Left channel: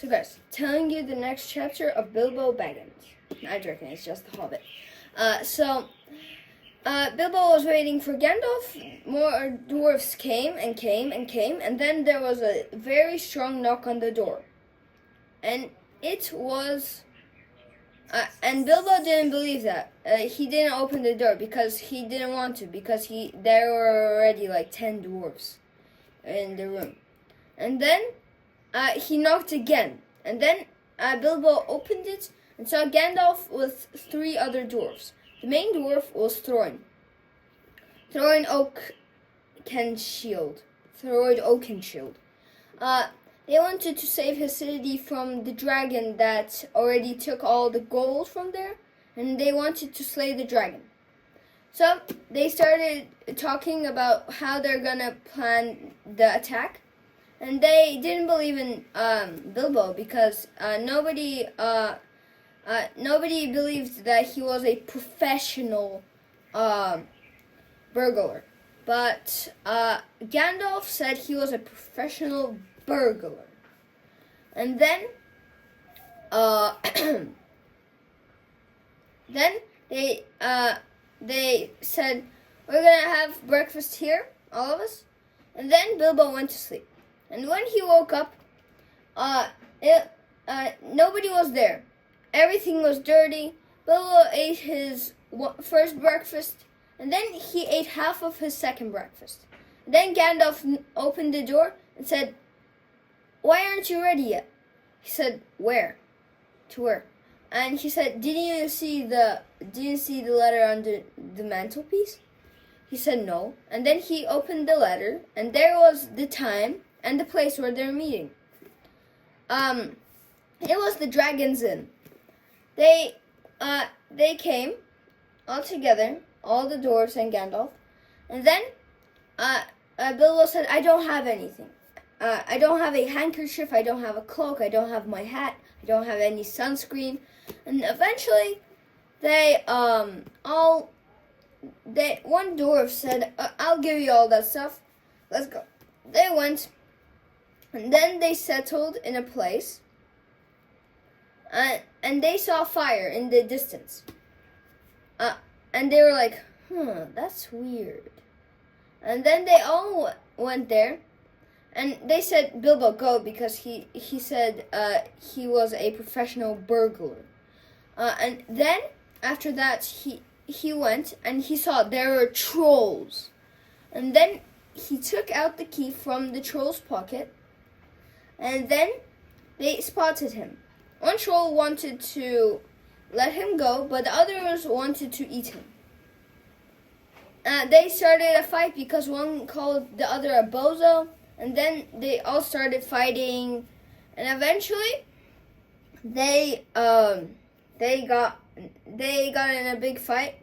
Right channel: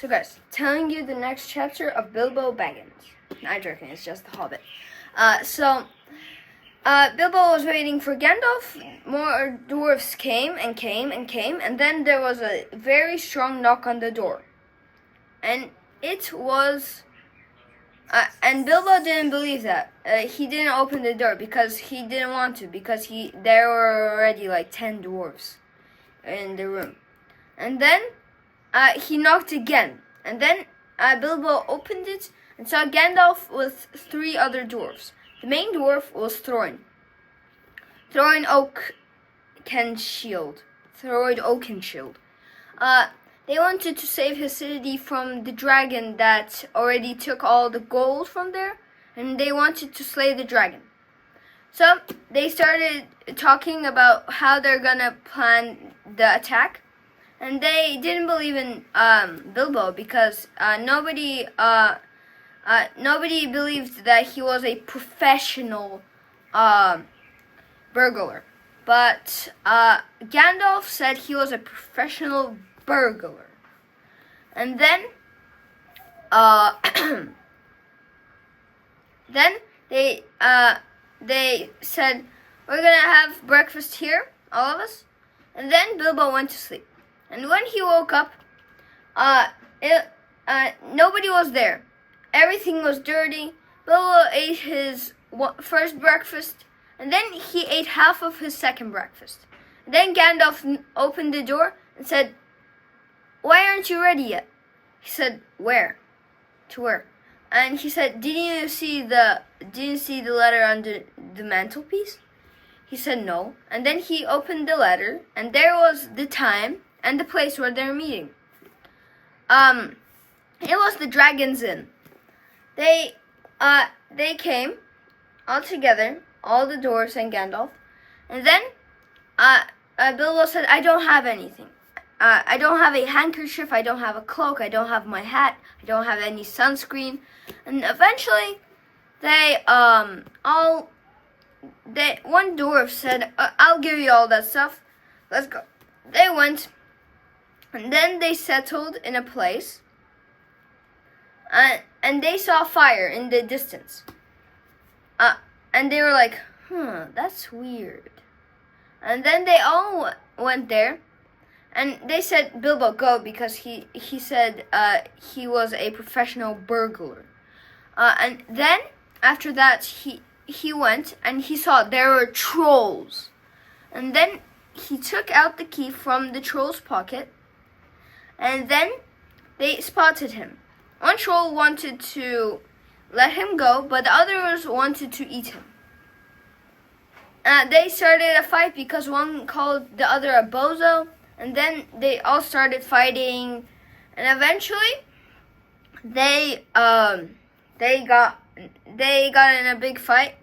So guys, telling you the next chapter of Bilbo Baggins. Not joking, it's just the Hobbit. Bilbo was waiting for Gandalf. More dwarves came, and then there was a very strong knock on the door. And it was... and Bilbo didn't believe that. He didn't open the door because he didn't want to, because there were already like 10 dwarves in the room. And then he knocked again, and then Bilbo opened it and saw Gandalf with 3 other dwarves. The main dwarf was Thorin Oakenshield. They wanted to save his city from the dragon that already took all the gold from there, and they wanted to slay the dragon. So they started talking about how they're gonna plan the attack. And they didn't believe in Bilbo because nobody believed that he was a professional burglar. But Gandalf said he was a professional burglar. And then they said, we're gonna have breakfast here, all of us. And then Bilbo went to sleep. And when he woke up, nobody was there. Everything was dirty. Bilbo ate his first breakfast, and then he ate half of his second breakfast. Then Gandalf opened the door and said, "Why aren't you ready yet?" He said, "Where? To where?" And he said, Didn't you see the letter under the mantelpiece?" He said, "No." And then he opened the letter, and there was the time and the place where they're meeting. It was the Dragon's Inn. They came all together, all the dwarves and Gandalf. And then Bilbo said, "I don't have anything. I don't have a handkerchief. I don't have a cloak. I don't have my hat. I don't have any sunscreen." And eventually, one dwarf said, "I'll give you all that stuff. Let's go." They went. And then they settled in a place, and they saw fire in the distance. And they were like, that's weird. And then they all went there, and they said, "Bilbo, go," because he said he was a professional burglar. And then, after that, he went, and he saw there were trolls. And then he took out the key from the troll's pocket. And then they spotted him. One troll wanted to let him go, but the others wanted to eat him. They started a fight because one called the other a bozo, and then they all started fighting, and eventually they got in a big fight.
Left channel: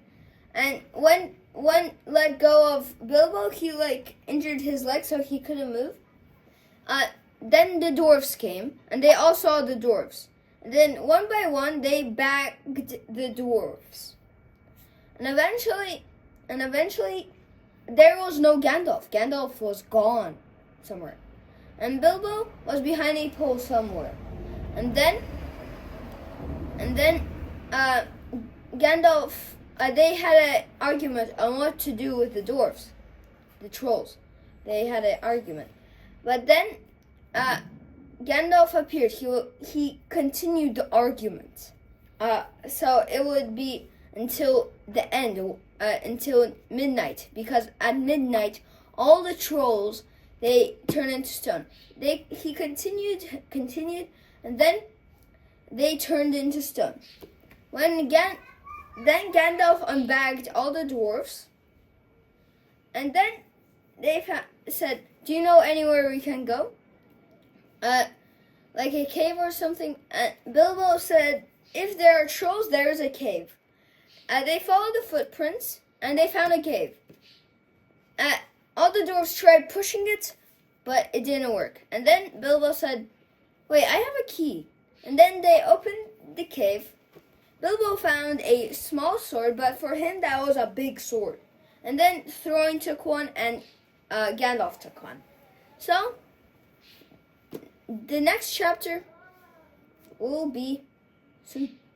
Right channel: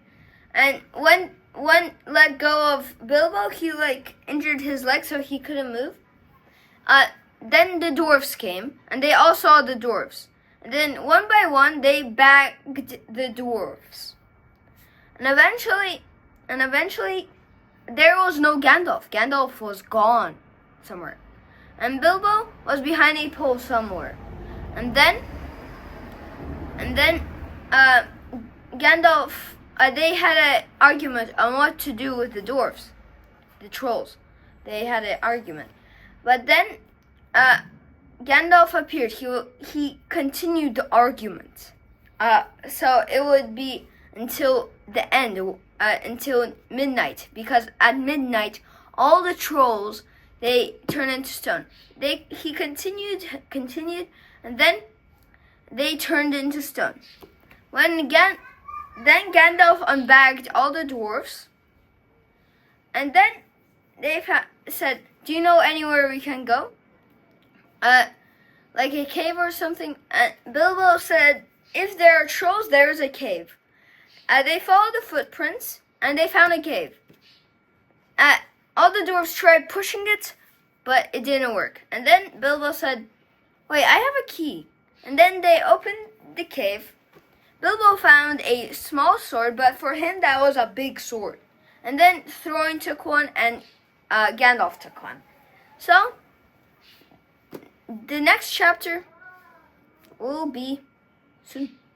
And when one let go of Bilbo, he injured his leg so he couldn't move. Then the dwarves came, and they all saw the dwarves. And then, one by one, they bagged the dwarves. And eventually, there was no Gandalf. Gandalf was gone somewhere. And Bilbo was behind a pole somewhere. And then, Gandalf, they had an argument on what to do with the dwarves, the trolls. They had an argument. But then, Gandalf appeared. He continued the argument. So it would be until the end, until midnight, because at midnight all the trolls, they turn into stone. He continued, and then they turned into stone. Then Gandalf unbagged all the dwarves, and then they said, "Do you know anywhere we can go? Like a cave or something?" Bilbo said, "If there are trolls, there is a cave." They followed the footprints, and they found a cave. All the dwarves tried pushing it, but it didn't work. And then Bilbo said, "Wait, I have a key." And then they opened the cave. Bilbo found a small sword, but for him that was a big sword. And then Thorin took one, and Gandalf took one. So, the next chapter will be soon.